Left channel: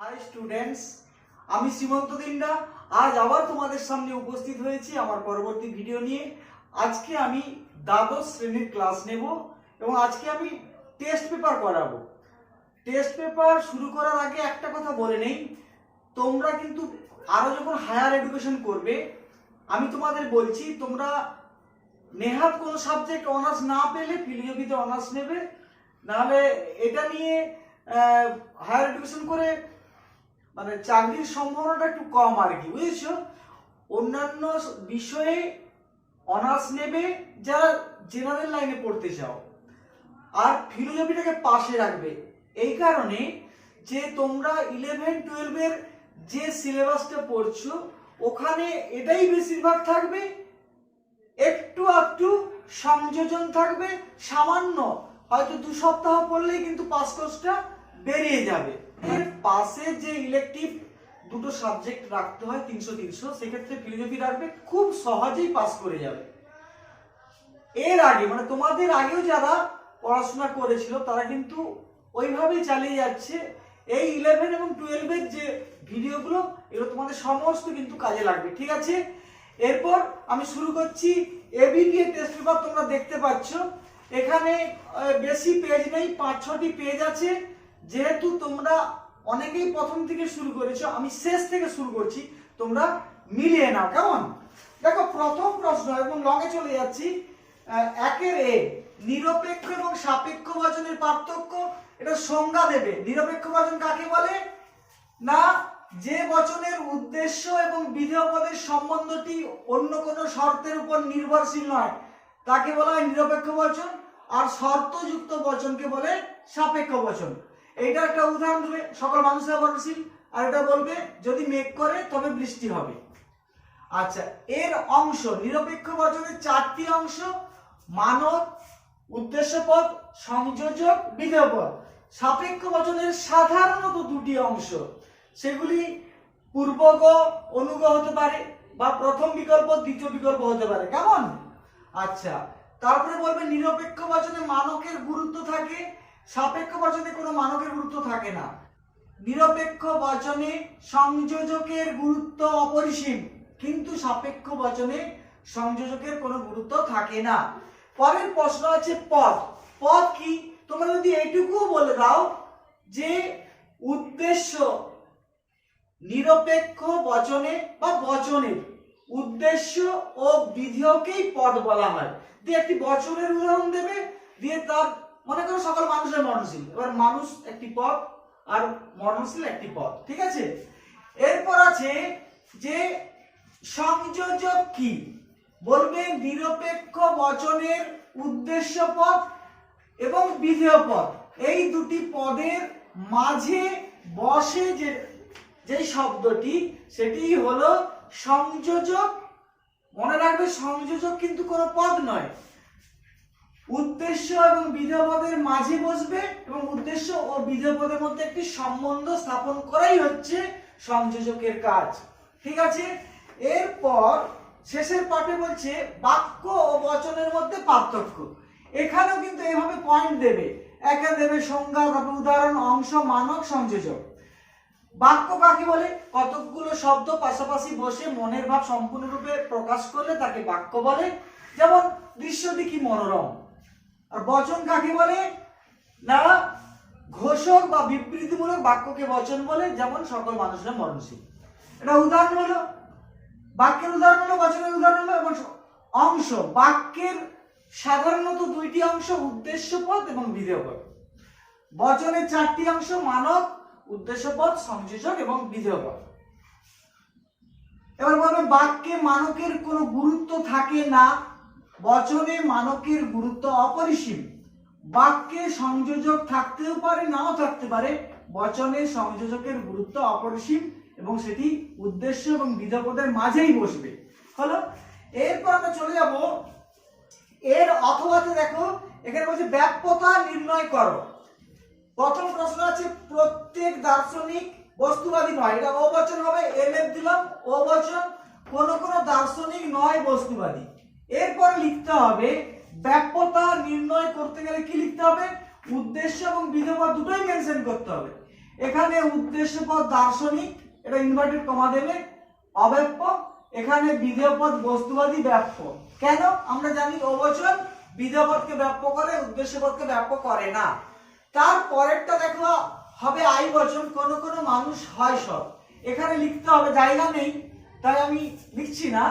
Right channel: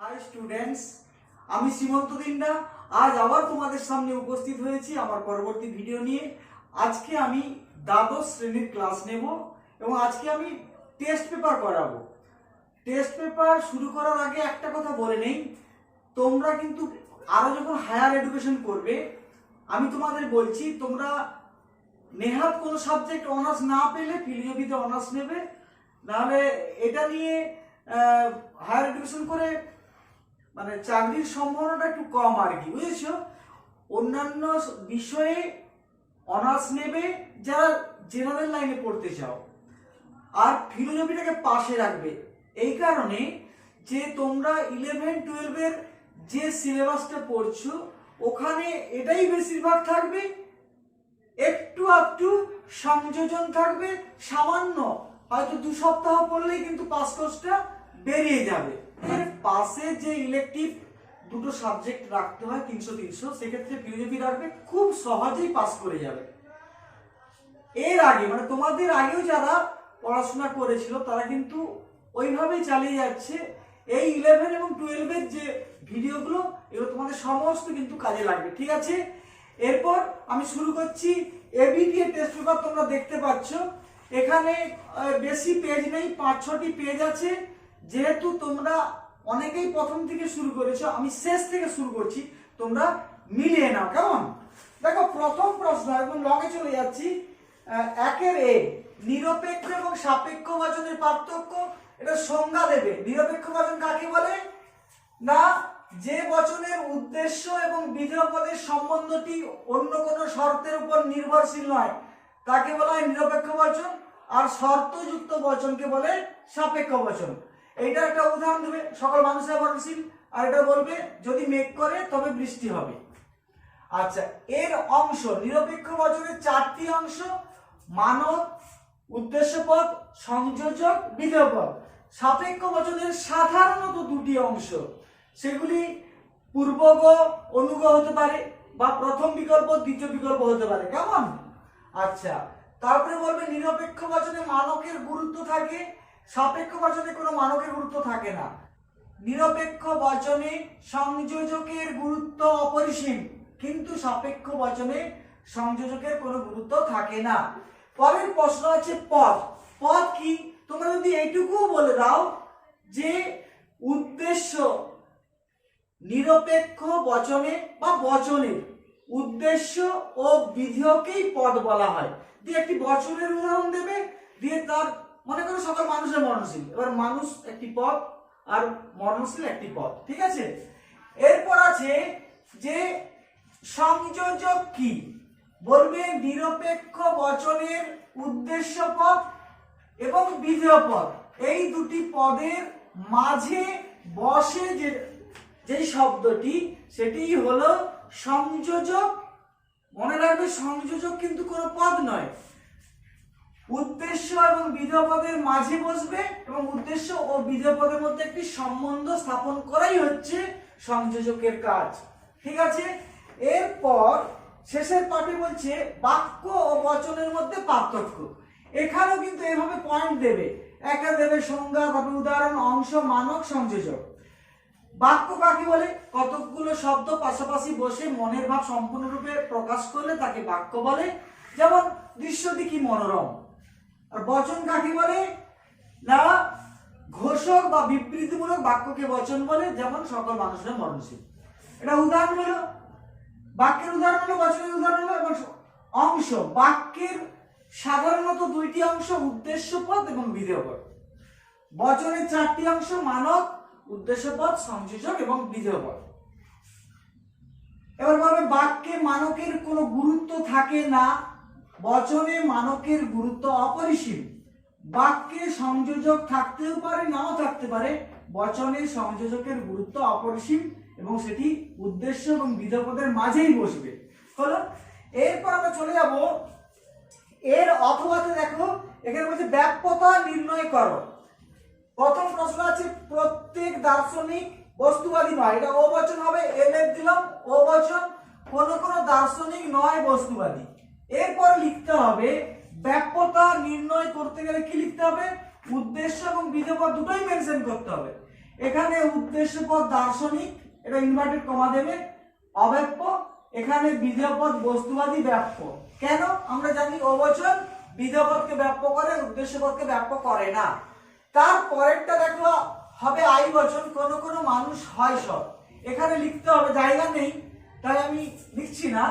High students, আমি সীমন্ত দিন্ডা আজ আবার তোমাদের সামনে উপস্থিত হয়েছি আমার পরবর্তী ভিডিও নিয়ে। আজকে আমি দ্বাদশ শ্রেণীর ক্লাস নেব এবং আজকে আমি টেস্ট পেপার করাবো। টেস্ট পেপার শুরু করার আগে একটা কথা বলে নেই, তোমরা কিন্তু আরো যখন হায়ার এডুকেশন করবে আমি তোমাদের বলছি তোমরা নেহাত কোনো সাবজেক্ট অনার্স না পেলে ফিলোসফিতে অনার্স নেবে, নাহলে এটা নিয়ে হায়ার এডুকেশন করে মানে চাকরির সম্ভাবনাটা একটু কম আর কি, বুঝেছো। অন্যান্য বিষয়ে অনার্স নেবে যারা জেনারেল লাইনে পড়তে চাও, আর ফিলোসফিটাকে পাশে রাখবে এই কারণে যে তোমরা 11-12 যে সিলেবাসটা পড়ছো ওখানে এটাই বেশিরভাগ থাকবে, একটু একটু সংযোজন থাকবে সামান্য, হয়তো 2 সপ্তাহ পড়লেই কিন্তু পাস কোর্সটা বেরিয়ে যাবে। এর পাশে যে ইলেকটিভ দুটো সাবজেক্ট রাখতে হয় 300 সেক্ষেত্রে ফিলোসফি রাখবে, খুব সহজেই পাস করে যাবে। এর আগে মানে তোমাদের আগেও যারা পড়াশোনা করেছিল তারা কিন্তু ওইভাবেই চালিয়ে যাচ্ছে। এই 11 এবং 12 যে ভিডিওগুলো এগুলো তোমাদের সমস্ত কিন্তু কাজে লাগবে, ঠিক আছে। এরপর আমি শুরু করছি। এবিটি এর টেস্ট পেপার তোমরা দেখতে পাচ্ছ, এখানে বেশি পেজ নেই, 5-6টি পেজ আছে। যেহেতু তোমরা অনেকেই প্রথম থেকে শুরু করেছো, আমি শেষ থেকে শুরু করছি, তোমরা মিলিয়ে নাও কেমন। দেখো প্রথম প্রশ্ন, একদম লগে চলে যাচ্ছি। 1-এর এ, নিরপেক্ষ এবং সাপেক্ষ বচনের পার্থক্য। এটা সংজ্ঞা দেবে। নিরপেক্ষ বচন কাকে বলে? না, যে বচনের উদ্দেশ্য এবং বিধেয় পদের সম্বন্ধটি অন্য কোনো শর্তের উপর নির্ভরশীল নয় তাকে বলা হয় নিরপেক্ষ বচন, আর শর্তযুক্ত বচনকে বলে সাপেক্ষ বচন। এইটা একটা উদাহরণ দেবে, সকল মানুষের ভরণশীল, আর এটা বলবে যদি মেঘ করে তবে বৃষ্টি হবে। আচ্ছা, এর অংশ, নিরপেক্ষ বচনের 4টি অংশ: মানক, উদ্দেশ্যপদ, সংযোজক, বিধেয় পদ। সাপেক্ষ বচনের সাধারণত 2টি অংশ, সেগুলি পূর্বগ, অনুগ হতে পারে, বা প্রথম বিকল্প দ্বিতীয় বিকল্প হতে পারে, কেমন। আচ্ছা, তারপরে বলবে নিরপেক্ষ বচনে মানকের গুরুত্ব থাকে, সাপেক্ষ বচনে কোনো মানকের গুরুত্ব থাকে না। নিরপেক্ষ বচনে সংযোজকের গুরুত্ব অপরিসীম, কিন্তু সাপেক্ষ বচনে সংযোজকের কোনো গুরুত্ব থাকে না। পরের প্রশ্ন আছে পদ। পদ কি? তোমরা যদি এইটুকুও বলে দাও যে উদ্দেশ্য নিরপেক্ষ বচনে বা বচনের উদ্দেশ্য ও বিধেয়কেই পদ বলা হয়, দিয়ে একটি বচনের উদাহরণ দেবে, দিয়ে তার মনে করো সকল মানুষের মরণশীল, এবার মানুষ একটি পদ আর মরণশীল একটি পদ, ঠিক আছে। এরপর আছে যে সংযোজক কি, বলবে নিরপেক্ষ বচনের উদ্দেশ্য পদ এবং বিধেয় পদ, এই দুটি পদের মাঝে বসে যেই শব্দটি সেটি হলো সংযোজক। মনে রাখবে সংযোজক কিন্তু কোনো পদ নয়, উদ্দেশ্য এবং বিধেয় পদের মাঝে বসবে এবং উদ্দেশ্য ও বিধেয় পদের মধ্যে একটি সম্বন্ধ স্থাপন করাই হচ্ছে সংযোজকের কাজ, ঠিক আছে। এরপর শেষের পাঠে বলছে বাক্য ও বচনের মধ্যে পার্থক্য। এখানেও কিন্তু এভাবে পয়েন্ট দেবে, একা দেবে সংজ্ঞা, তারপর উদাহরণ, অংশ, মানক, সংযোজক। বাক্য কাকে বলে? কতকগুলো শব্দ পাশাপাশি বসে মনের ভাব সম্পূর্ণরূপে প্রকাশ করলে তাকে বাক্য বলে, যেমন দৃশ্যটি কি মনোরম। আর বচন কাকে বলে? না, ঘোষক বা বিবৃতিমূলক বাক্যকে বচন বলে, যেমন সকল মানুষের মরণশীল। এটা উদাহরণ হলো, বাক্যের উদাহরণ হলো, বচনের উদাহরণ হলো। এবং অংশ, বাক্যের সাধারণত 2টি অংশ, উদ্দেশ্যপদ এবং বিধেয় পদ। বচনের 4টি অংশ, মানক, উদ্দেশ্যপদ, সংযোজক এবং বিধেয় পদ। এবার বলবে বাক্যে মানকের কোনো গুরুত্ব থাকে না, বচনে মানকের গুরুত্ব অপরিসীম। বাক্যে সংযোজক থাকতেও পারে, নাও থাকতে পারে, বচনে সংযোজকের গুরুত্ব অপরিসীম এবং সেটি উদ্দেশ্য এবং বিধেয় পদের মাঝেই বসবে, হলো। এরপর আমরা চলে যাব এর অথবাতে। দেখো এখানে বলছে ব্যাপ্যতা নির্ণয় করো। প্রথম প্রশ্ন আছে প্রত্যেক দার্শনিক বস্তুবাদী নয়, এটা ও বচন হবে, এলএফ দিলাম, ও বচন, কোন কোন দার্শনিক নয় বস্তুবাদী। এরপরে লিখতে হবে ব্যাপ্যতা নির্ণয় করতে গেলে কি লিখতে হবে? উদ্দেশ্য এবং বিধেয় পদ দুটোই মেনশন করতে হবে। এখানে উদ্দেশ্য পদ দার্শনিক, এটা ইনভার্টেড কমা দেবে, অব্যাপ্য। এখানে বিধেয় পদ বস্তুবাদী, ব্যাপ্য। কেন? আমরা জানি ও বচন বিধেয় পদকে ব্যাপ্য করে, উদ্দেশ্য পদকে ব্যাপ্য করে না। তার পরেরটা দেখো হবে আই বচন, কোন কোন মানুষ হয় সব। এখানে লিখতে হবে, জায়গা নেই তাই আমি লিখছি না,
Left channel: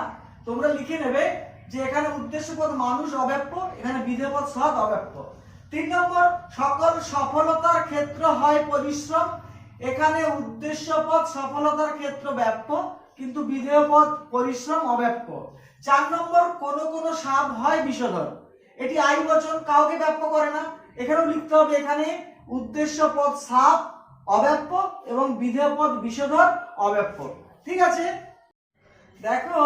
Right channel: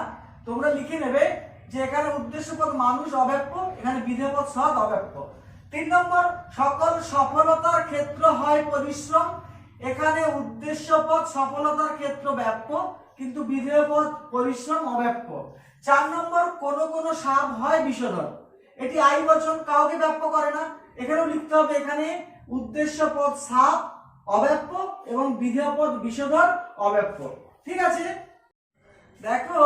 তোমরা লিখে নেবে যে এখানে উদ্দেশ্য পদ মানুষ অব্যাপ্য, এখানে বিধেয় পদ সৎ অব্যাপ্য। 3 নম্বর, সকল সফলতার ক্ষেত্র হয় পরিশ্রম। এখানে উদ্দেশ্য পদ সফলতার ক্ষেত্র ব্যাপ্য, কিন্তু বিধেয় পদ পরিশ্রম অব্যাপ্য। 4 নম্বর, কোন কোন সাপ হয় বিষধর। এটি আই বচন, কাউকে ব্যাপ্য করে না। এখানেও লিখতে হবে, এখানে উদ্দেশ্য পদ সাপ অব্যাপ্য এবং বিধেয় পদ বিষধর অব্যাপ্য। ঠিক আছে, দেখো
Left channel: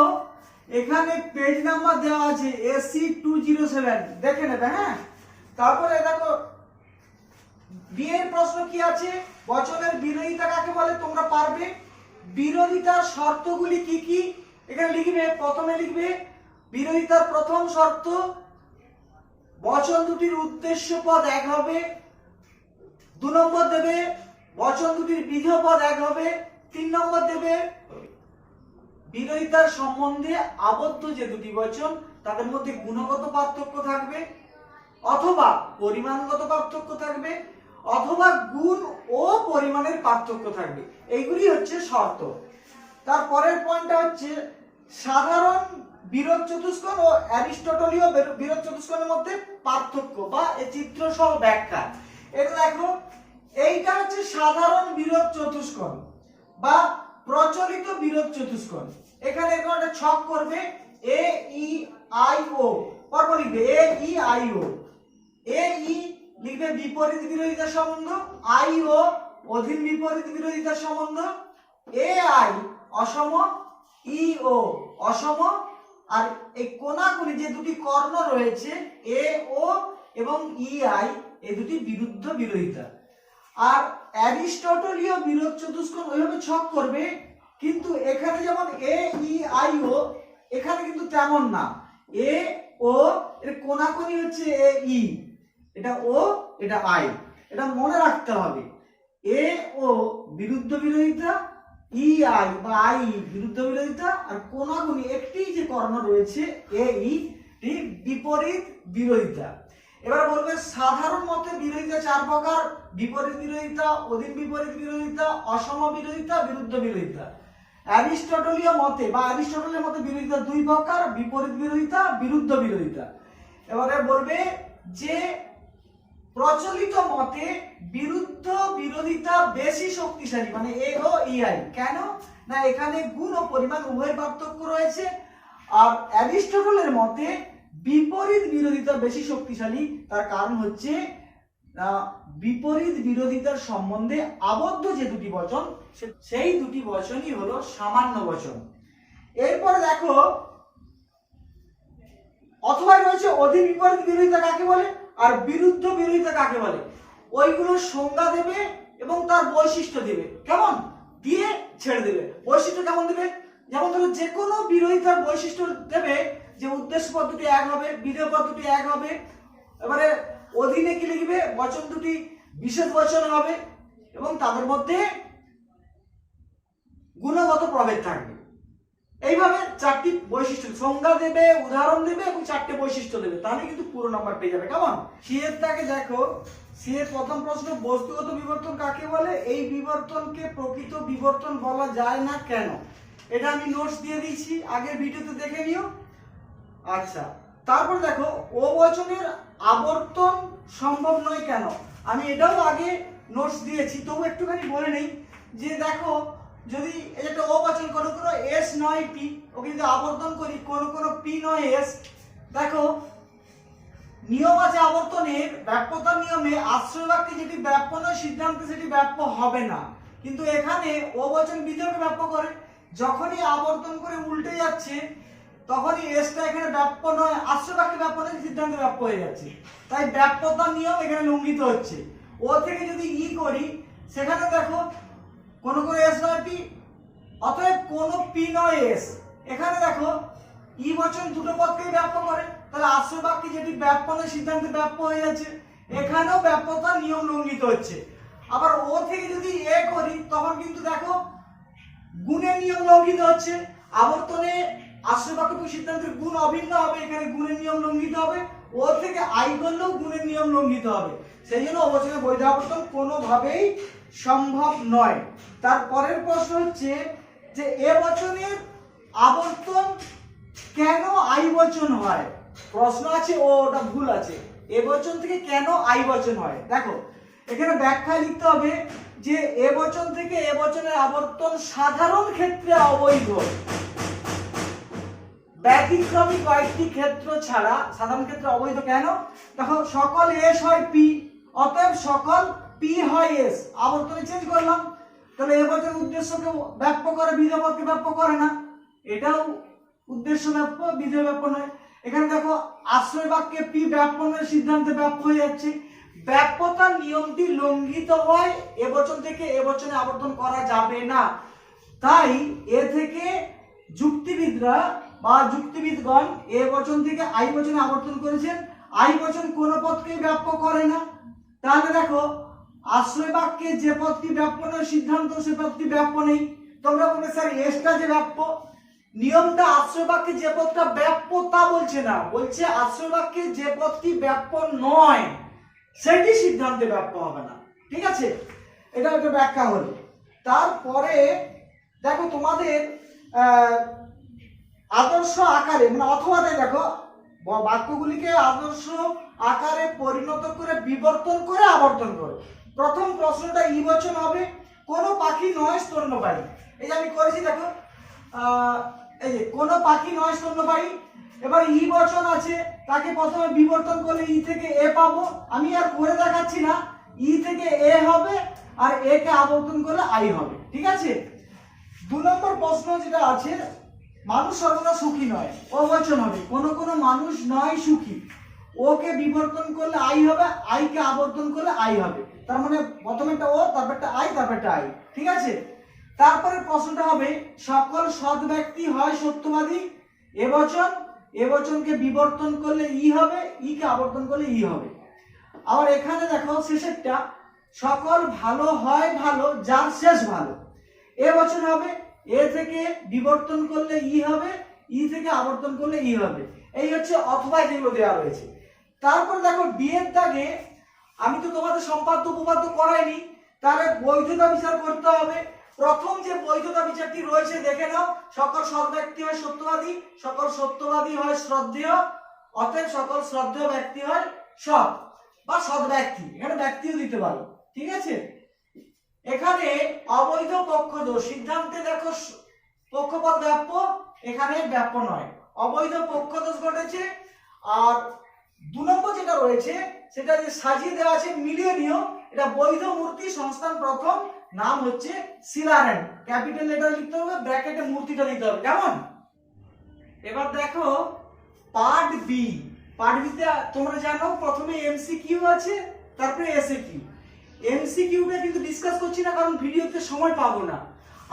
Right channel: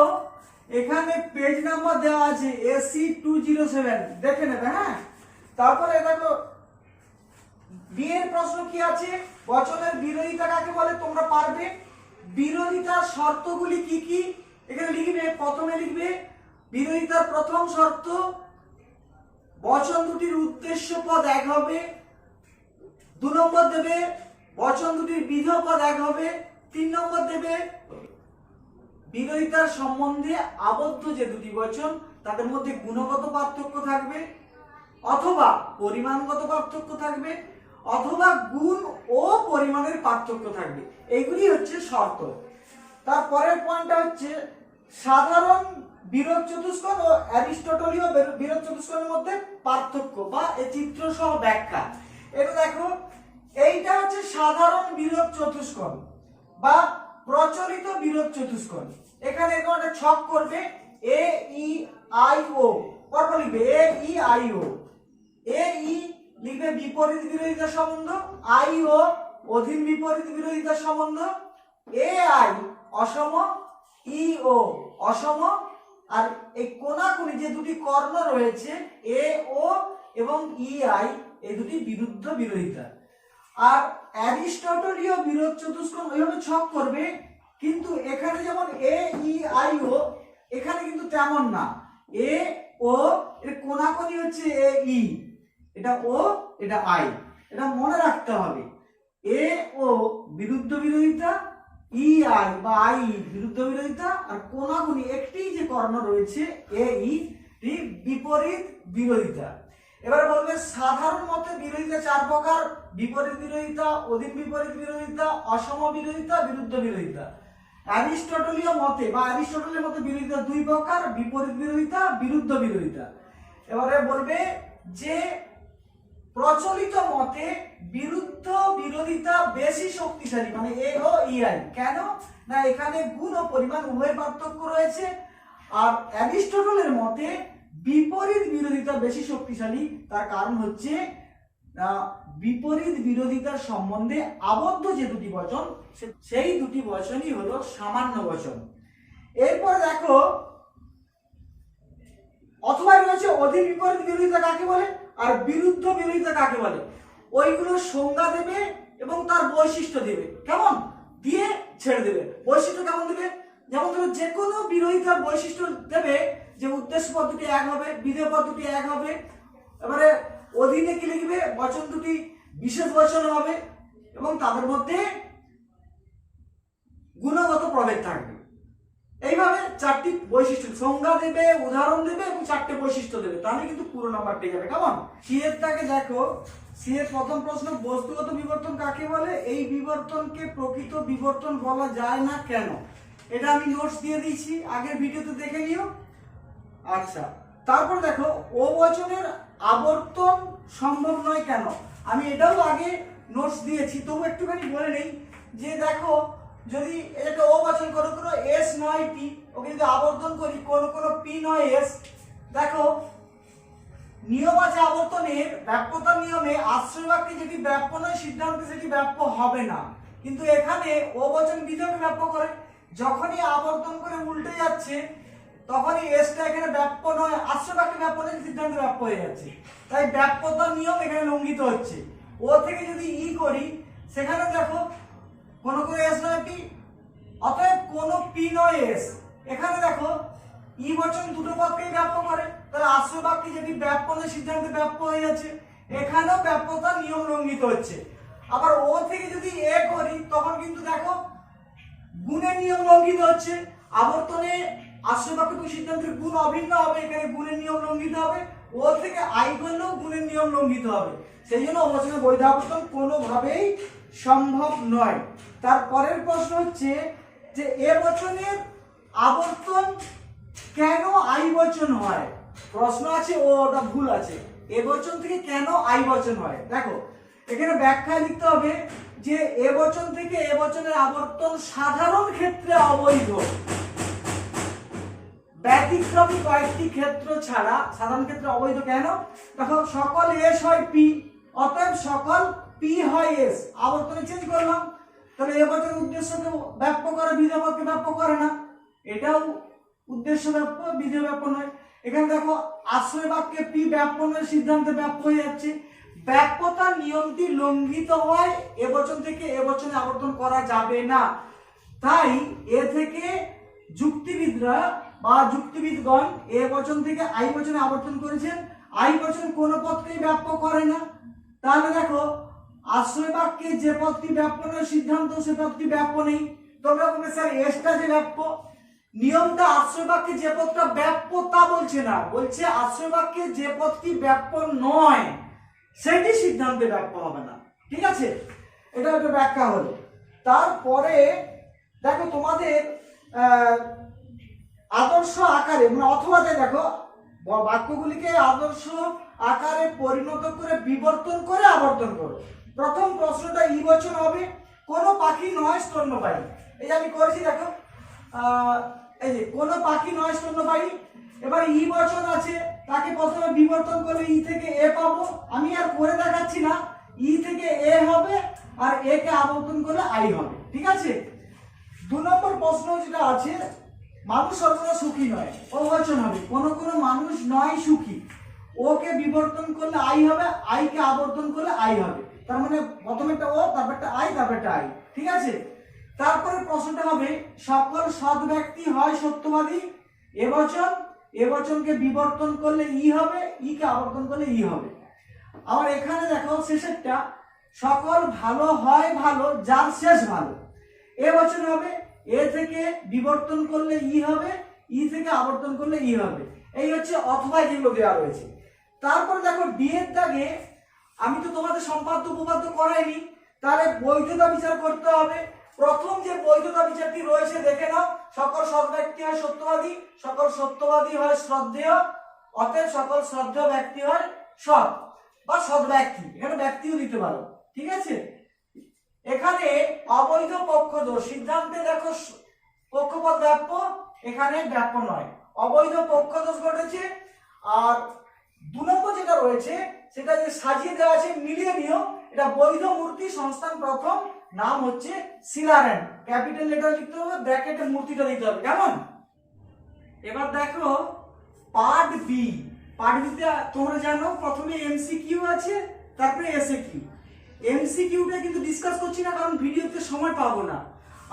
এখানে পেজ নাম্বার দেওয়া আছে AC207, দেখে নেবে। হ্যাঁ, তারপরে দেখো বি এর প্রশ্ন কি আছে, বচনের বিরোধিতা কাকে বলে, তোমরা পারবে। বিরোধিতার শর্তগুলি কি কি এখানে লিখবে। প্রথমে লিখবে বিরোধিতার প্রথম শর্ত, বচন দুটির উদ্দেশ্য পদ এক হবে। 2 নম্বর দেবে বচন দুটির বিধেয় পদ এক হবে। 3 নম্বর দেবে বিরোধিতার সম্বন্ধে আবদ্ধ যে দুটি বচন তাদের মধ্যে গুণগত পার্থক্য থাকবে, অথবা পরিমাণগত পার্থক্য থাকবে, অথবা গুণ ও পরিমাণের পার্থক্য থাকবে। এইগুলি হচ্ছে শর্ত। তারপরের পয়েন্টটা হচ্ছে সাধারণ বিরোধ চতুষ্কোণ ও অ্যারিস্টটলীয় বিরোধ চতুষ্কোণের মধ্যে পার্থক্য বা এই চিত্র সহ ব্যাখ্যা। এটা দেখো, এইটা হচ্ছে সাধারণ বিরোধ চতুষ্কোণ বা প্রচলিত বিরোধ চতুষ্কোণ। এখানে এরকম একটা ছক করবে, এ ই আই ও, পরপর লিখবে এ ই আই ও। এ ই লিখবে বিপরীত বিরোধিতার সম্বন্ধ, আই ও অধীন বিপরীত বিরোধিতার সম্বন্ধ, এ আই অসম, ই ও অসম। আর এই কোণাকুণি যে দুটি কর্ণ রয়েছে এ ও এবং ই আই, এই দুটি বিরুদ্ধ বিরোধিতা। আর অ্যারিস্টটলীয় বিরোধ চতুষ্কোণ ওইভাবে ছক করবে, কিন্তু এখানে যেমন এ ই আই ও, এখানে কিন্তু তেমন না। এ ও এর কোণাকুণি হচ্ছে এ ই, এটা ও এটা আই, এটা মনে রাখতে হবে। এ ও বিরুদ্ধ বিরোধিতা, ই আই বা আই বিরুদ্ধ বিরোধিতা, আর কোণাকুণি একটি যে কর্ণ রয়েছে এ ই বিপরীত বিরোধিতা। এবার বলবে সাধারণ মতে বিরোধিতা 4 প্রকার, বিপরীত বিরোধিতা, অধীন বিপরীত বিরোধিতা, অসম বিরোধিতা, বিরুদ্ধ বিরোধিতা। অ্যারিস্টটলীয় মতে বা অ্যারিস্টটলের মতে বিরোধিতা 2 প্রকার, বিপরীত বিরোধিতা, বিরুদ্ধ বিরোধিতা। এবারে বলবে যে প্রচলিত মতে বিরুদ্ধ বিরোধিতা বেশি শক্তিশালী, মানে এ ও ই আই। কেন না এখানে গুণ ও পরিমাণ উভয় পার্থক্য রয়েছে। আর অ্যারিস্টটলের মতে বিপরীত বিরোধিতা বেশি শক্তিশালী, তার কারণ হচ্ছে বিপরীত বিরোধিতার সম্বন্ধে আবদ্ধ যে দুটি বচন সেই দুটি বচনই হলো সামান্য বচন। এরপর দেখো অথবা রয়েছে অধীন বিপরীত বিরোধিতা কাকে বলে আর বিরুদ্ধ বিরোধিতা কাকে বলে, ওইগুলোর সংজ্ঞা দেবে এবং তার বৈশিষ্ট্য দেবে। কেমন দিয়ে ছেড়ে দেবে। বৈশিষ্ট্য কেমন দেবে, যেমন ধরো যে কোনো বিরোধিতার বৈশিষ্ট্য দেবে যে উদ্দেশ্য পদ দুটি এক হবে, বিধেয় পদ দুটি এক হবে। এবারে অধীনে কি লিখবে, বচন দুটি বিশেষ বচন হবে এবং তাদের মধ্যে গুণগত প্রভেদ থাকবে। এইভাবে 4টি বৈশিষ্ট্য সংজ্ঞা দেবে, উদাহরণ দেবে এবং 4টে বৈশিষ্ট্য দেবে, তাহলে কিন্তু পুরো নাম্বার পেয়ে যাবে। কেমন সি এরটাকে দেখো, সি এর প্রথম প্রশ্ন, বস্তুগত বিবর্তন কাকে বলে, এই বিবর্তনকে প্রকৃত বিবর্তন বলা যায় না কেন। এটা আমি নোটস দিয়ে দিয়েছি, আগের ভিডিওতে দেখে নিও। আচ্ছা, তারপর দেখো ও বচনের আবর্তন সম্ভব নয় কেন, আমি এটাও আগে নোটস দিয়েছি, তবু একটুখানি বলে নেই যে দেখো যদি এটা ও বচন কোনো কোনো এস নয় পি, ওকে যদি আবর্তন করি কোনো কোনো পি নয় এস, দেখো নিয়ম আছে আবর্তনের, ব্যাপ্যতার নিয়মে আশ্রয় বাক্যে যেটি ব্যাপ্য নয় সিদ্ধান্তে সেটি ব্যাপ্য হবে না, কিন্তু এখানে ও বচন বিধেয়কে ব্যাপ্য করে। যখনই আবর্তন করে উল্টে যাচ্ছে তখনই এসটা এখানে ব্যাপ্য নয় আশ্রয় বাক্যে ব্যাপ্য নয় সিদ্ধান্তে ব্যাপ্য হয়ে যাচ্ছে, তাই ব্যাপ্যতার নিয়ম এখানে লঙ্ঘিত হচ্ছে। ও থেকে যদি ই করি সেখানে দেখো কোন কোন এস নয় পি, অতএব কোন পি নয় এস, এখানে দেখো ই বচন দুটো পদকেই ব্যাপ্য করে, তাহলে আশ্রয় বাক্যে যেটি ব্যাপ্য নয় সিদ্ধান্তে ব্যাপ্য হয়ে যাচ্ছে, এখানেও ব্যাপ্যতার নিয়ম লঙ্ঘিত হচ্ছে। আবার ও থেকে যদি এ করি তখন কিন্তু দেখো গুণের নিয়ম লঙ্ঘিত হচ্ছে। আবর্তনে আশ্রয় বাক্য সিদ্ধান্তের গুণ অভিন্ন হবে, এখানে গুণের নিয়ম লঙ্ঘিত হবে। ও থেকে আই করলেও গুণের নিয়ম লঙ্ঘিত হবে। সেই জন্য অবচনের বৈধ আবর্তন কোনোভাবেই সম্ভব নয়। তারপরের প্রশ্ন হচ্ছে যে এ বচনের আবর্তন কেন আই বচন হয়? প্রশ্ন আছে, ওটা ভুল আছে। এ বচন থেকে কেন আই বচন হয়? দেখো এখানে ব্যাখ্যা লিখতে হবে যে এ বচন থেকে এ বচনের আবর্তন সাধারণ ক্ষেত্রে অবৈধ, ব্যতিক্রমী কয়েকটি ক্ষেত্র ছাড়া সাধারণ ক্ষেত্রে অবৈধ। কেন? দেখো সকল এস হয় পি, অতএব সকল পি হয় এস। আবর্তনে চেঞ্জ করলাম, তাহলে এ বচনের উদ্দেশ্যকে ব্যাপ্য করে, বিধেয় পদকে ব্যাপ্য করে না। এটাও উদ্দেশ্য ব্যাপ্য, বিধেয় ব্যাপ্য নয়। এখানে দেখো আশ্রয় বাক্যে পি ব্যাপ্যনের সিদ্ধান্তে ব্যাপ্য হয়ে যাচ্ছে। ব্যাপ্যতার নিয়মটি লঙ্ঘিত হয়, এ বচন থেকে এ বচনে আবর্তন করা যাবে না। তাই এ থেকে যুক্তিবিদরা বা যুক্তিবিদগণ এ বচন থেকে আই বচনে আবর্তন করেছেন। আই বচন কোন পদকেই ব্যাপ্য করে না। তাহলে দেখো আশ্রয় বাক্যে যে পদটি ব্যাপ্যনের সিদ্ধান্ত সে পদটি ব্যাপ্য নেই। তোমরা বলবে স্যার এসটা যে ব্যাপ্য, নিয়মটা আশ্রয় বাক্যে যে পদটা ব্যাপ্য তা বলছে না, বলছে আশ্রয় বাক্যে যে পদটি ব্যাপ্য নয় সেটি সিদ্ধান্তে ব্যাপ্য হবে না। ঠিক আছে, এটা একটা ব্যাখ্যা হলো। তারপরে দেখো তোমাদের আদর্শ আকারে মানে অথবাতে দেখো বাক্যগুলিকে আদর্শ আকারে পরিণত করে বিবর্তন করে আবর্তন করো। প্রথম প্রশ্নটা ই বচন হবে, কোনো পাখি নয় স্তন্যপায়ী। এই যে আমি করেছি দেখো, এই যে কোনো পাখি নয় স্তন্যপায়ী। এবার ই বচন আছে, তাকে প্রথমে বিবর্তন করলে ই থেকে এ পাবো। আমি আর করে দেখাচ্ছি না, ই থেকে এ হবে আর এ কে আবর্তন করলে আই হবে। ঠিক আছে, 2 নম্বর প্রশ্ন যেটা আছে, মানুষ সর্বদা সুখী নয়, ও বচন হবে। কোন কোন মানুষ নয় সুখী, ওকে বিবর্তন করলে আই হবে, আই কে আবর্তন করলে আই হবে। তার মানে প্রথমেটা ও, তারপরটা আই, তারপরটা আই। ঠিক আছে, তারপরে প্রশ্নটা হবে সকল সৎ ব্যক্তি হয় সত্যবাদী। এ বচন, এ বচনকে বিবর্তন করলে ই হবে, ই কে আবর্তন করলে ই হবে। আবার এখানে দেখো শেষেরটা, সকল ভালো হয় ভালো যার শেষ ভালো। এ বচন হবে, এ থেকে বিবর্তন করলে ই হবে, ই থেকে আবর্তন করলে ই হবে। এই হচ্ছে অথবা যেগুলো দেওয়া রয়েছে। তারপর দেখো ডি এর দাগে, আমি তো তোমাদের সম্পাদ্য উপপাদ্য করাইনি, তাহলে বৈধতা বিচার করতে হবে। প্রথম যে বৈধতা বিচারটি রয়েছে দেখে নাও, সকল সৎ ব্যক্তি হয় সত্যবাদী, সকল সত্যবাদী হয় শ্রদ্ধেয়, অতএব সকল শ্রদ্ধেয় ব্যক্তি হয় সৎ বা সৎ ব্যক্তি। এখানে ব্যক্তিও দিতে পারো। ঠিক আছে, এখানে অবৈধ পক্ষদোষ সিদ্ধান্তে দেখো পক্ষপাত ব্যাপ্য, এখানে ব্যাপ্য নয়, অবৈধ পক্ষদোষ ঘটেছে। আর 2 নম্বর যেটা রয়েছে সেটা যে সাজিয়ে দেওয়া আছে মিলিয়ে নিও, এটা বৈধ মূর্তি সংস্থান প্রথম, নাম হচ্ছে সিলারেন। ক্যাপিটাল লেটার লিখতে হবে, ব্র্যাকেটে মূর্তিটা দিতে হবে। কেমন? এবার দেখো পার্ট বি। পার্ট বিতে তোমরা জানো প্রথমে এমসিকিউ আছে, তারপরে এসএকিউ। এমসিকিউটা কিন্তু ডিসকাস করছি না, কারণ ভিডিওতে সময় পাবো না।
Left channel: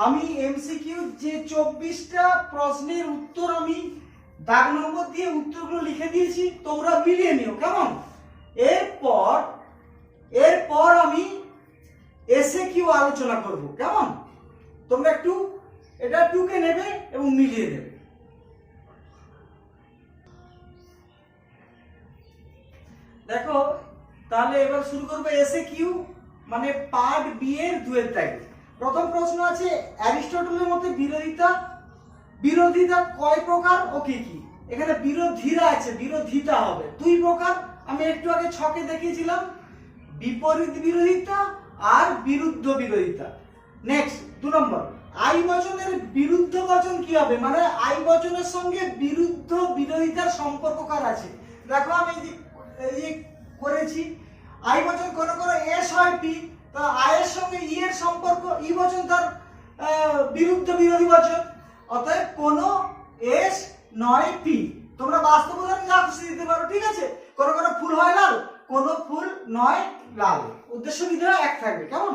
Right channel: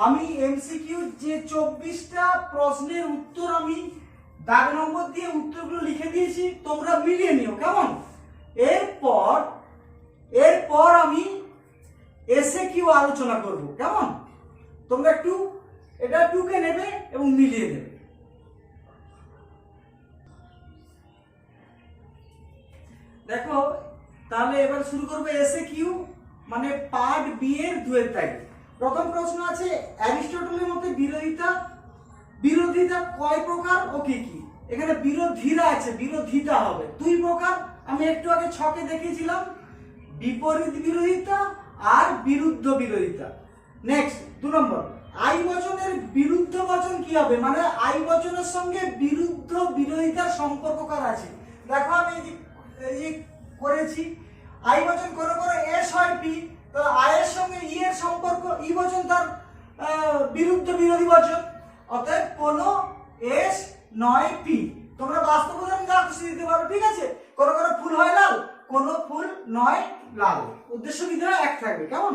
আমি এমসিকিউ যে 24টা প্রশ্নের উত্তর আমি দাগ নম্বর দিয়ে উত্তরগুলো লিখে দিয়েছি, তোমরা মিলিয়ে নিও। কেমন? এরপর আমি এসএকিউ আলোচনা করব। কেমন? তোমরা একটু এটা টুকে নেবে এবং মিলিয়ে নেবে। দেখো তাহলে এবার শুরু করবো এসএকিউ মানে পার্ট বি এর 2 এর দাগে। প্রথম প্রশ্ন আছে অ্যারিস্টটলের মতে বিরোধিতা কয় প্রকার ও কি কি? এখানে বিরোধীরা আছে, বিরোধিতা হবে 2 প্রকার। আমি একটু আগে ছকে দেখিয়েছিলাম, বিপরীত বিরোধিতা আর বিরুদ্ধ বিরোধিতা। নেক্সট 2 নম্বর, আই বচনের বিরুদ্ধ বচন কি হবে? মানে আই বচনের সঙ্গে বিরুদ্ধ বিরোধিতার সম্পর্ক কার আছে? দেখো আমি এই করেছি, আই বচন কোন কোন এস হয় পি, তো আই এর সঙ্গে ই এর সম্পর্ক, ই বচন তার বিরুদ্ধ বিরোধী বচন, অতএব কোন এস নয় পি। তোমরা বাস্তব উদাহরণ যা খুশি দিতে পারো। ঠিক আছে, কোন কোন ফুল হয় লাল, কোন ফুল নয় লাল, উদ্দেশ্য বিধেয় এক থাকবে। কেমন?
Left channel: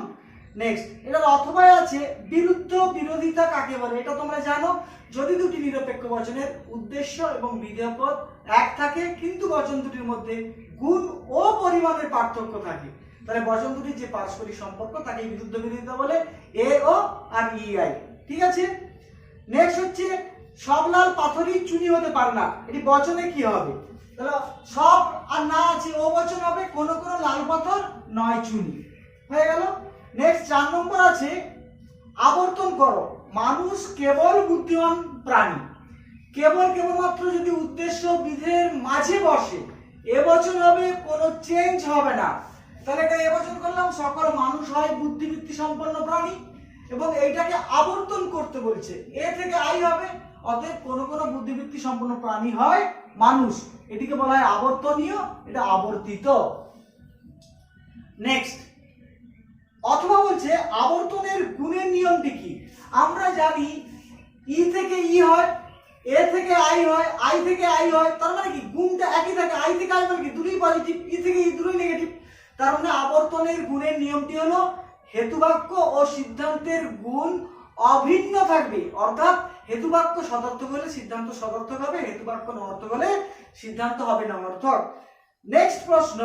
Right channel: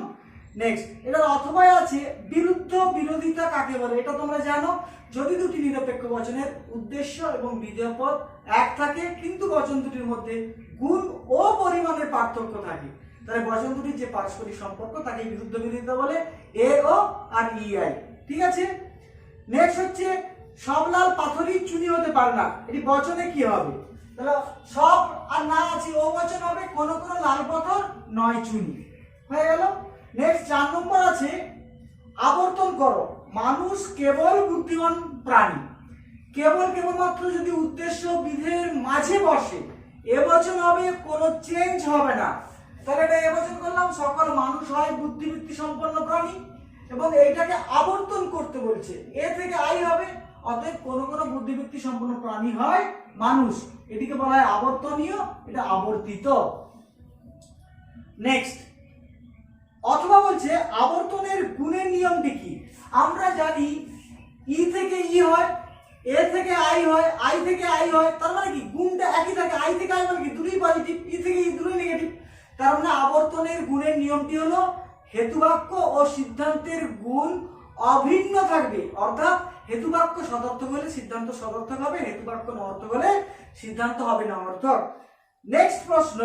নেক্সট, এটার অথবা আছে বিরুদ্ধ বিরোধিতা কাকে বলে? এটা তোমরা জানো, যদি দুটি নিরপেক্ষ বচনের উদ্দেশ্য এবং বিধেয় পদ এক থাকে কিন্তু বচন দুটির মধ্যে গুণ ও পরিমাণের পার্থক্য থাকে, তাহলে বচন দুটির যে পারস্পরিক সম্পর্ক তাকে বিরুদ্ধ বিরোধিতা বলে, এ ও আর ই আই। ঠিক আছে, নেক্সট হচ্ছে সব লাল পাথরই চুনি হতে পারে না, এটি বচনে কি হবে? তাহলে সব আর না আছে ও বচন হবে, কোন কোন লাল পাথর নয় চুনি, হয়ে গেল। নেক্সট 4 নম্বর আছে আবর্তন করো, মানুষ কেবল বুদ্ধিমান প্রাণী, কেবলমাত্র যদি উদ্দেশ্য বিধের মাঝে বসে এ বচন হবে, কোনো চেঞ্জ হবে না। তাহলে এটা এ বচন করলাম, সকল মানুষ হয় বুদ্ধিবৃত্তি সম্পন্ন প্রাণী, এবং এইটাকে আবর্তন করতে বলছে, এ থেকে আই হবে, অতএব কোন কোন বুদ্ধিবৃত্তি সম্পন্ন প্রাণী হয় মানুষ, এটিকে বলা হয় আবর্তনীয়, এটা আবর্তিত। নেক্সট অথবা বলছে আবর্তনের গুণের নিয়মটি কি? আমরা জানি ই থেকে ই হয়, এ থেকে আই হয়, আই থেকে আই হয়, তার মানে কি গুণটা একই থাকে, আই থেকে আই মানে কি দুটোই পজিটিভ, ই থেকে ই দুটোই নেগেটিভ। তার মানে আবর্তনের গুণের নিয়মটি হলো হেতুবাক্য ও সিদ্ধান্তের গুণ অভিন্ন থাকবে, অর্থাৎ হেতুবাক্য সদর্থক হলে সিদ্ধান্ত সদর্থক হবে, হেতুবাক্য নর্থক হলে সিদ্ধান্ত হবে না অর্থক। নেক্সট প্রশ্ন,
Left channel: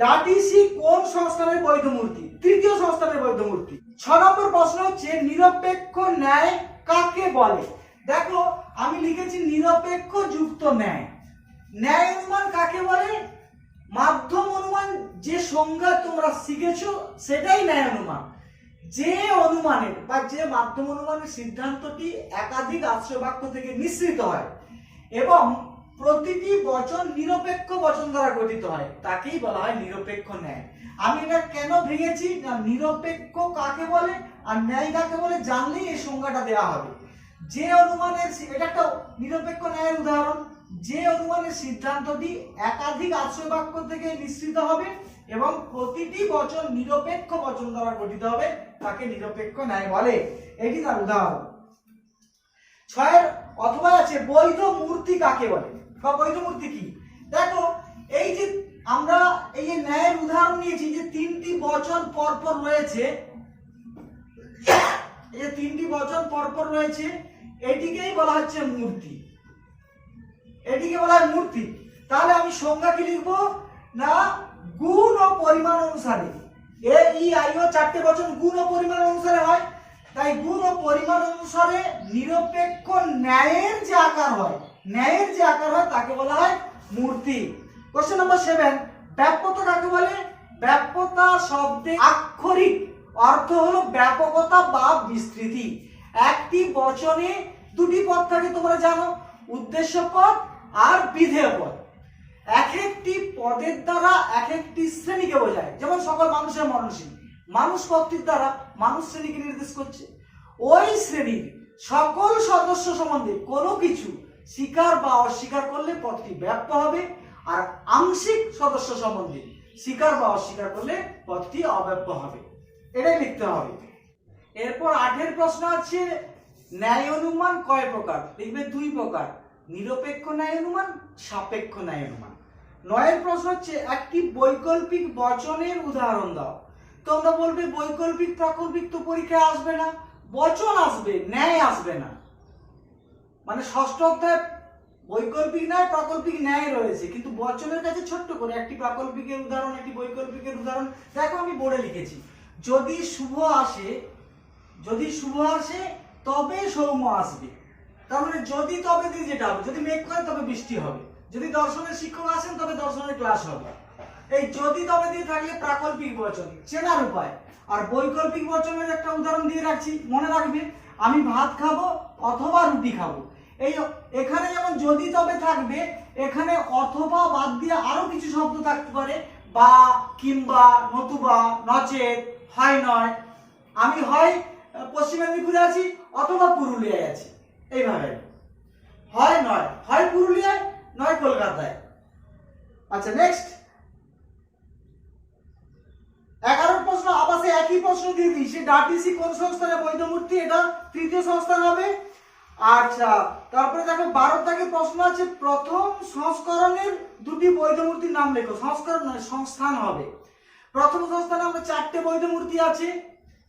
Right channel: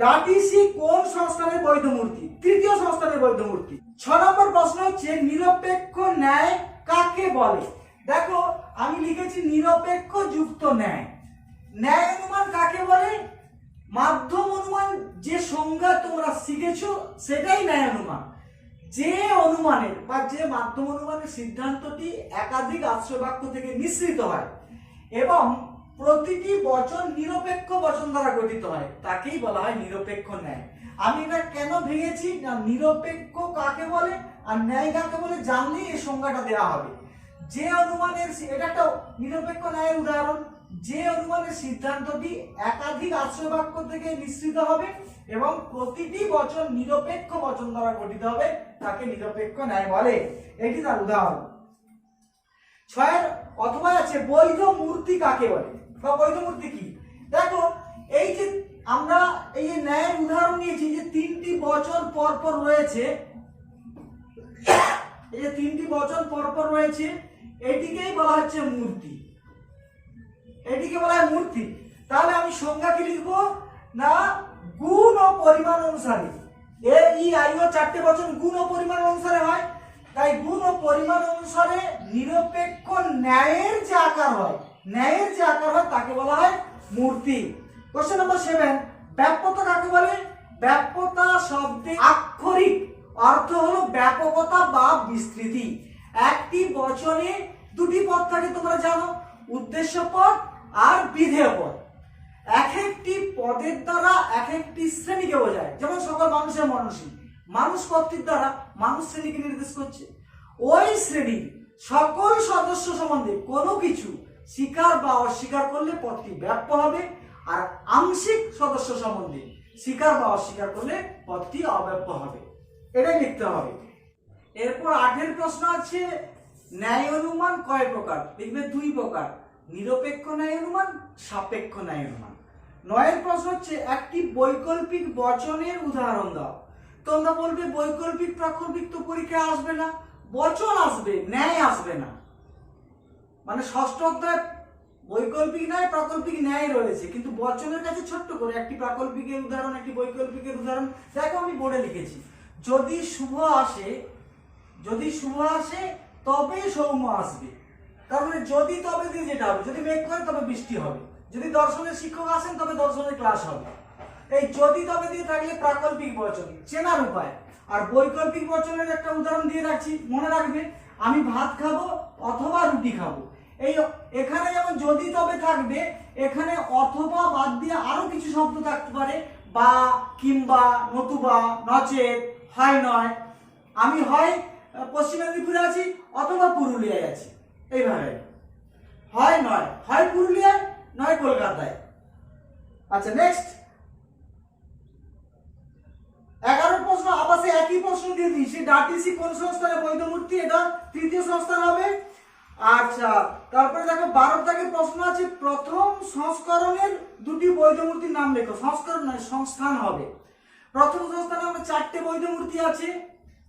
ডাটিসি কোন সংস্থানের বৈধ মূর্তি? তৃতীয় সংস্থানের বৈধ মূর্তি। 6 নম্বর প্রশ্ন হচ্ছে নিরপেক্ষ ন্যায় কাকে বলে? দেখো আমি লিখেছি নিরপেক্ষ যুক্ত ন্যায়। ন্যায় অনুমান কাকে বলে? মাধ্যম অনুমান যে সংজ্ঞা তোমরা শিখেছো সেটাই ন্যায় অনুমান। যে অনুমানের বা যে মাধ্যম অনুমানের সিদ্ধান্তটি একাধিক আশ্রয় বাক্য থেকে মিশ্রিত হয় এবং প্রতিটি বচন নিরপেক্ষ বচন দ্বারা গঠিত হয় তাকেই বলা হয় নিরপেক্ষ ন্যায়। আমি এটা কেন ভেঙেছি না, নিরপেক্ষ কাকে বলে আর ন্যায় কাকে বলে জানলেই এই সংজ্ঞাটা দেওয়া হবে। যে অনুমানের, এটা একটা নিরপেক্ষ ন্যায়ের উদাহরণ, যে অনুমানের সিদ্ধান্তটি একাধিক আশ্রয় বাক্য থেকে মিশ্রিত হবে এবং প্রতিটি বচন নিরপেক্ষ বচন দ্বারা গঠিত হবে তাকে নিরপেক্ষ ন্যায় বলে, এটি তার উদাহরণ। 6 অথবা আছে বৈধ মূর্তি কাকে বলে বা বৈধ মূর্তি কি? দেখো এই যে আমরা এই যে ন্যায়ের উদাহরণ নিয়েছি, যে 3টি বচন পরপর রয়েছে, এই যে 3টি বচন পরপর রয়েছে, এটিকেই বলা হচ্ছে মূর্তি, এটিকে বলা হয় মূর্তি। তাহলে আমি সংজ্ঞা কি লিখবো না, গুণ ও পরিমাণ অনুসারে, এ ই আই ও 4টে বচন গুণ ও পরিমাণ অনুসারে হয়, তাই গুণ ও পরিমাণ অনুসারে নিরপেক্ষ ন্যায়ের যে আকার হয়, ন্যায়ের যে আকার হয় তাকে বলা হয় মূর্তি। কোশ্চেন নম্বর 7, ব্যাপ্যতা কাকে বলে? ব্যাপ্যতা শব্দে আক্ষরিক অর্থ হলো ব্যাপকতা বা বিস্তৃতি। একটি বচনে দুটি পদ থাকে তোমরা জানো, উদ্দেশ্য পদ আর বিধেয় পদ। এক একটি পদের দ্বারা এক একটি শ্রেণীকে বোঝায়, যেমন সকল মানুষের মননশীল, মানুষ পদটির দ্বারা মানুষ শ্রেণীকে নির্দেশ করছে। ওই শ্রেণীর সকল সদস্য সম্বন্ধে কোনো কিছু স্বীকার বা অস্বীকার করলে পদটি ব্যাপ্য হবে, আর আংশিক সদস্য সম্বন্ধে স্বীকার বা অস্বীকার করলে পদটি অব্যাপ্য হবে, এটাই লিখতে হবে। এরপর 8 প্রশ্ন আছে ন্যায় অনুমান কয় প্রকার? লিখবে 2 প্রকার, নিরপেক্ষ ন্যায় অনুমান, সাপেক্ষ ন্যায় অনুমান। 9 প্রশ্ন হচ্ছে একটি বৈকল্পিক বচনের উদাহরণ দাও। তোমরা বলবে বৈকল্পিক প্রাকল্পিক তো পরীক্ষায় আসবে না, বচন আসবে, ন্যায় আসবে না। মানে 6ষ্ঠ অধ্যায় বৈকল্পিক ন্যায় প্রাকল্পিক ন্যায় রয়েছে, কিন্তু বচনের কাছে ছোট্ট করে একটি প্রাকল্পিকের উদাহরণ, একটি বৈকল্পিকের উদাহরণ। দেখো আমি বোর্ডে লিখেছি, যদি শুভ আসে, যদি শুভ আসে তবে সৌম্য আসবে। তার মানে যদি তবে দিয়ে যেটা হবে, যদি মেঘ করে তবে বৃষ্টি হবে, যদি দর্শনের শিক্ষক আসেন তবে দর্শনের ক্লাস হবে। এই যদি তবে দিয়ে থাকলে প্রাকল্পিক বচন, চেনার উপায়। আর বৈকল্পিক বচনের একটা উদাহরণ দিয়ে রাখছি, মনে রাখবে, আমি ভাত খাবো অথবা রুটি খাবো। এই এখানে যেমন যদি তবে থাকবে, এখানে অথবা বাদ দিয়ে আরো কিছু শব্দ থাকতে পারে, বা, কিংবা, নতুবা, নচেত, হয় নয়। আমি হয় পশ্চিম মেদিনীপুরে আছি অথবা পুরুলিয়ায় আছি, এইভাবে হয় নয়, হয় পুরুলিয়ায় নয় কলকাতায়। আচ্ছা নেক্সট 11 প্রশ্ন, আবার সে একই প্রশ্ন দিয়ে দিই, সে ডাটিসি কোন সংস্থানের বৈধ মূর্তি? এটা তৃতীয় সংস্থান হবে। আচ্ছা তারপরে দেখো 12 থেকে প্রশ্ন আছে প্রথম সংস্করণের 2টি বৈধ মূর্তির নাম লেখো। সংস্করণ নয়, সংস্থান হবে। প্রথম সংস্থানে আমরা 4টে বৈধ মূর্তি আছে,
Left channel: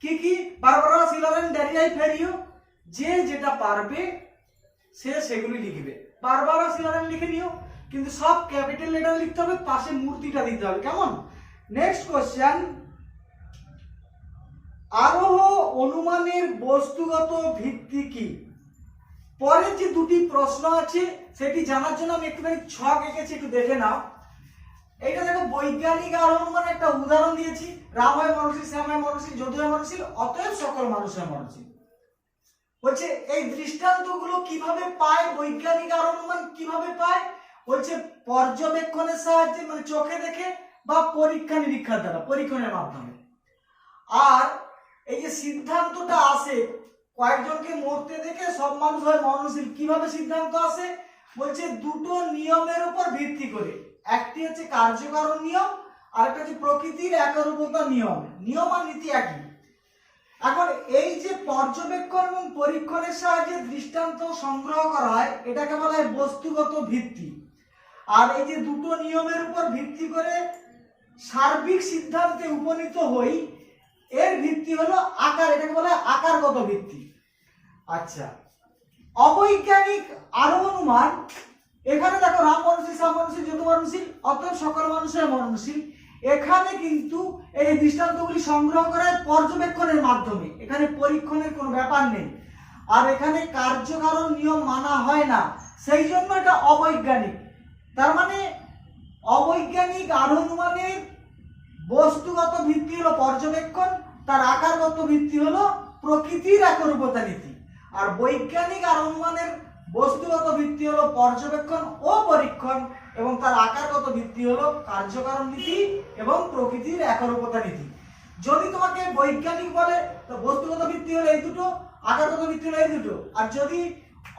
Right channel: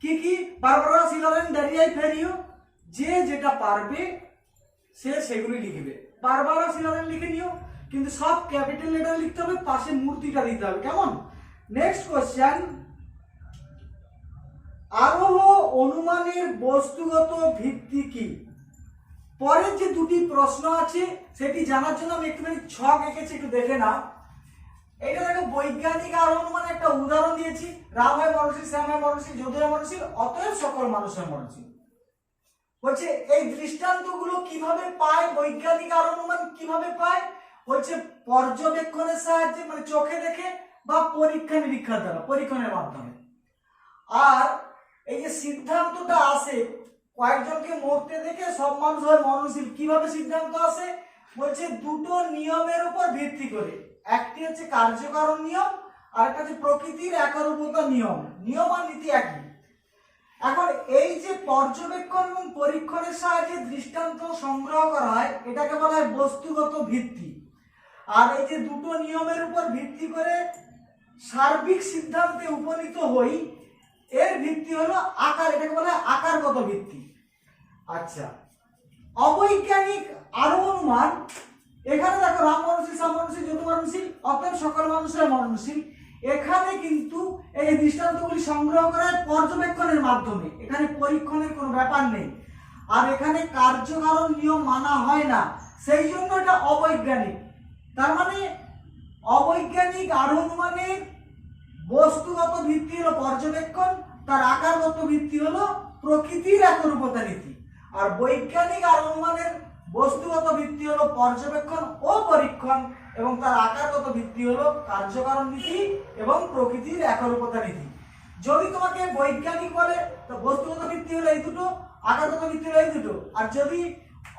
কি কি? বারবারা, সিলারেন, ড্যারিয়াই, ফেরিও। যে যেটা পারবে সে সেগুলি লিখবে। বারবারা, সিলারেন লিখে নিও, কিন্তু সব ক্যাপিটাল লেটার লিখতে হবে, পাশে মূর্তিটা দিতে হবে, কেমন? নেক্সট কোশ্চেন, আরোহ অনুমানের বস্তুগত ভিত্তি কি? পরের যে দুটি প্রশ্ন আছে সেটি জানার জন্য আমি একটুখানি ছক এঁকেছি, একটু দেখে নাও। এটা দেখো, বৈজ্ঞানিক আরোহ অনুমানের একটা উদাহরণ দিয়েছি, রাম হয় মরণশীল, শ্যাম হয় মরণশীল, যদু হয় মরণশীল, অতএব সকল মানুষ হয় মরণশীল। বলছে এই দৃষ্টান্তগুলো কিভাবে পায়, বৈজ্ঞানিক আরোহ অনুমান কিভাবে পায়? বলছে পর্যবেক্ষণের সাহায্যে, মানে চোখে দেখে বা পরীক্ষা নিরীক্ষার দ্বারা, পরীক্ষণের মাধ্যমে। আর এই যে সিদ্ধান্তটা আসে, কয়েকজনকে মরতে দেখে সব মানুষ হয় মরণশীল, কিভাবে সিদ্ধান্ত আসে? বলছে দুটো নিয়মের উপর ভিত্তি করে, একটি হচ্ছে কার্যকারণ নিয়ম, আর একটা হচ্ছে প্রকৃতির একরূপতা নিয়ম। নিয়ম আর নীতি একই। এখন এই যে পর্যবেক্ষণ এবং পরীক্ষণের সাহায্যে দৃষ্টান্ত সংগ্রহ করা হয়, এটাকে বলা হয় বস্তুগত ভিত্তি। আর এই যে দুটো নিয়মের উপর ভিত্তি করে সার্বিক সিদ্ধান্তে উপনীত হই, এর ভিত্তি হলো আকার, এটাকে বলা হয় আকারগত ভিত্তি। আচ্ছা, অবৈজ্ঞানিক আরোহ অনুমান, এখানে দেখো রাম মরণশীল, শ্যাম মরণশীল, যদু মরণশীল, অতএব সকল মানুষের মরণশীল। এখানে কিন্তু এই দৃষ্টান্তগুলি সংগ্রহ করা হয় পর্যবেক্ষণের মাধ্যমে, এখানে পরীক্ষণের কোনো ব্যাপার নেই। আর এখানে কার্যকারণ নিয়ম মানা হয় না, সেই জন্য এটা অবৈজ্ঞানিক। তার মানে অবৈজ্ঞানিক আরোহ অনুমানের বস্তুগত ভিত্তি হলো পর্যবেক্ষণ, তার আকারগত ভিত্তি হলো প্রকৃতির একরূপতা নীতি। আর বৈজ্ঞানিক আরোহ অনুমানের বস্তুগত ভিত্তি হলো পর্যবেক্ষণ ও পরীক্ষণ, এবং তার আকারগত ভিত্তি হলো কার্যকারণ নীতি এবং প্রকৃতির একরূপতা নীতি। যদি তোমাকে বৈজ্ঞানিক বলে তো বস্তুগত ভিত্তি হলো এই দুটো, আকারগত ভিত্তি হলো এই দুটো। আর যদি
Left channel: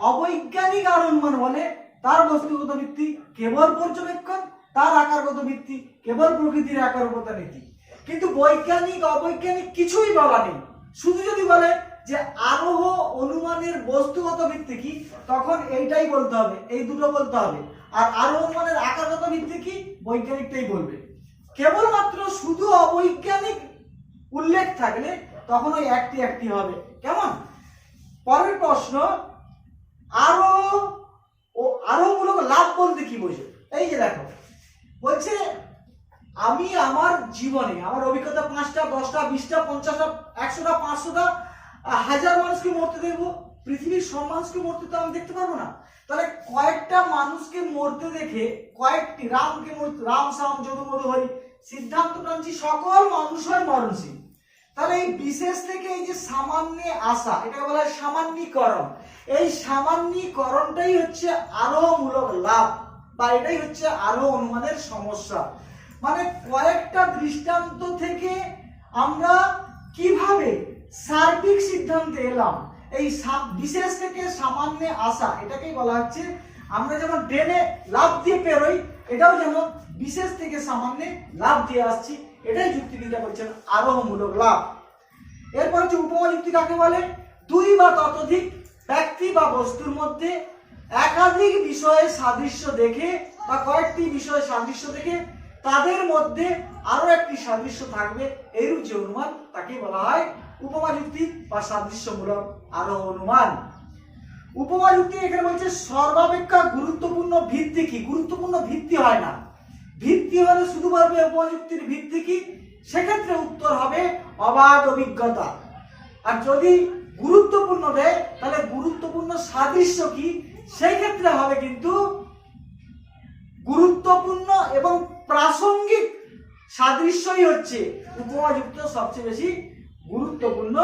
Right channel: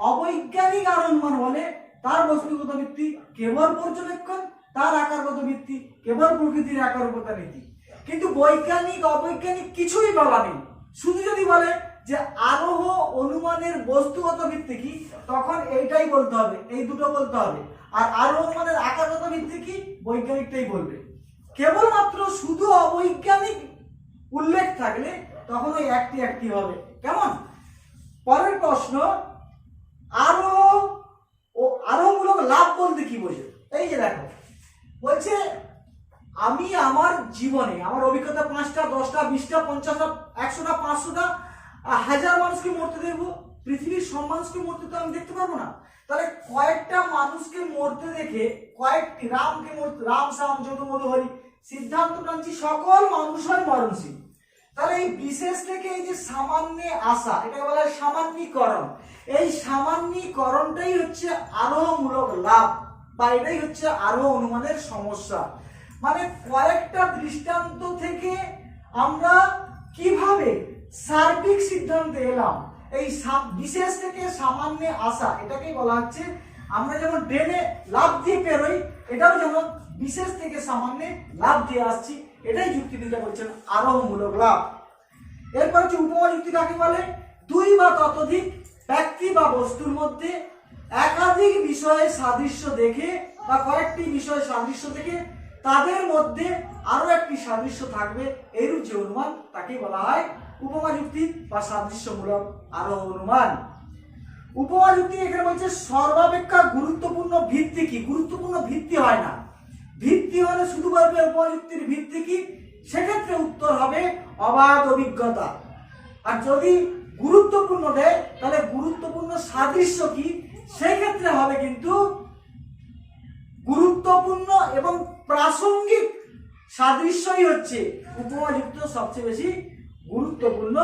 অবৈজ্ঞানিক আরোহ অনুমান বলে, তার বস্তুগত ভিত্তি কেবল পর্যবেক্ষণ, তার আকারগত ভিত্তি কেবল প্রকৃতির একরূপতা নীতি। কিন্তু বৈজ্ঞানিক অবৈজ্ঞানিক কিছুই বলা নেই, শুধু যদি বলে যে আরোহ অনুমানের বস্তুগত ভিত্তি কি, তখন এইটাই বলতে হবে, এই দুটো বলতে হবে। আর আরোহ অনুমানের আকারগত ভিত্তি কি, বৈজ্ঞানিকটাই বলবে। কেবলমাত্র শুধু অবৈজ্ঞানিক উল্লেখ থাকলে তখন ওই একটি একটি হবে। কেমন? পরের প্রশ্ন, আরোহ ও আরোহমূলক লাভ বলতে কি বোঝো? এই যে দেখো, বলছে আমি আমার জীবনে আমার অভিজ্ঞতা 5টা, 10টা, 20টা, 50টা, 100টা, 500টা, 1000 মানুষকে মরতে দেখবো, পৃথিবীর সব মানুষকে মরতে তো আমি দেখতে পারবো না। তাহলে কয়েকটা মানুষকে মরতে দেখে, কয়েকটি রামকে মরতে, রাম শ্যাম যদু মধু হরি, সিদ্ধান্ত টানছি সকল মানুষ হয় মরণশীল। তাহলে এই বিশেষ থেকে এই যে সামান্যে আসা, এটাকে বলা হয় সামান্যীকরণ। এই সামান্যীকরণটাই হচ্ছে আরোহমূলক লাভ, বা এটাই হচ্ছে আরোহ অনুমানের সমস্যা। মানে কয়েকটা দৃষ্টান্ত থেকে আমরা কিভাবে সার্বিক সিদ্ধান্তে এলাম, এই বিশেষ থেকে সামান্যে আসা, এটাকেই বলা হচ্ছে, আমরা যেমন ড্রেনে লাভ দিয়ে পেরোই, এটাও যেমন বিশেষ থেকে সামান্যে লাভ দিয়ে আসছি, এটাই যুক্তিবিদ্যা বলছেন আরোহমূলক লাভ। এরপর হচ্ছে উপমা যুক্তি কাকে বলে? দুই বা ততোধিক ব্যক্তি বা বস্তুর মধ্যে একাধিক বিষয়ে সাদৃশ্য দেখে, বা কয়েকটি বিষয়ে সাদৃশ্য দেখে তাদের মধ্যে আরো একটি সাদৃশ্য থাকবে, এইরূপ যে অনুমান তাকে বলা হয় উপমা যুক্তি বা সাদৃশ্যমূলক আরোহ অনুমান। উপমা যুক্তি এখানে বলছে সর্বাপেক্ষা গুরুত্বপূর্ণ ভিত্তি কি? গুরুত্বপূর্ণ ভিত্তি হয় না, ভিত্তি হলে শুধু বলবে উপমা যুক্তির ভিত্তি কি, সেক্ষেত্রে উত্তর হবে অবাধ অভিজ্ঞতা। আর যদি গুরুত্বপূর্ণ দেয় তাহলে গুরুত্বপূর্ণ সাদৃশ্য কি, সেই ক্ষেত্রে হবে কিন্তু গুরুত্বপূর্ণ এবং প্রাসঙ্গিক সাদৃশ্যই হচ্ছে উপমাযুক্ত সবচেয়ে বেশি গুরুত্বপূর্ণ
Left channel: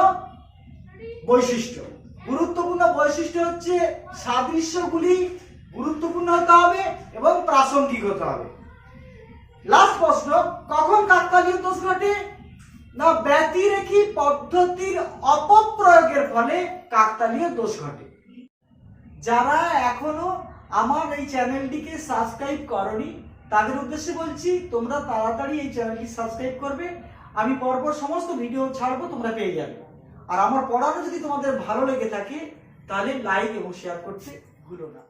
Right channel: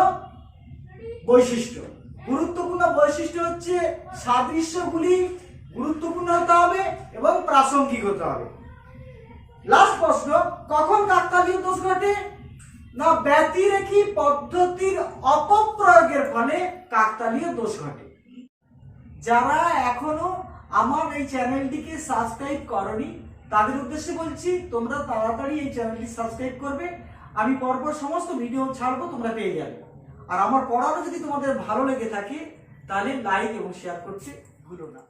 বৈশিষ্ট্য। গুরুত্বপূর্ণ বৈশিষ্ট্য হচ্ছে সাদৃশ্যগুলি গুরুত্বপূর্ণ হতে হবে এবং প্রাসঙ্গিক হতে হবে। লাস্ট প্রশ্ন, কখন কাকতালীয় দোষ ঘটে? না, ব্যতিরেখী পদ্ধতির অপপ্রয়োগের ফলে কাকতালীয় দোষ ঘটে। যারা এখনো আমার এই চ্যানেলটিকে সাবস্ক্রাইব করনি তাদের উদ্দেশ্যে বলছি, তোমরা তাড়াতাড়ি এই চ্যানেলটি সাবস্ক্রাইব করবে। আমি পরপর সমস্ত ভিডিও ছাড়বো, তোমরা পেয়ে যাবে। আর আমার পড়ানো যদি তোমাদের ভালো লেগে থাকে তাহলে লাইক এবং শেয়ার করতে ভুলো না।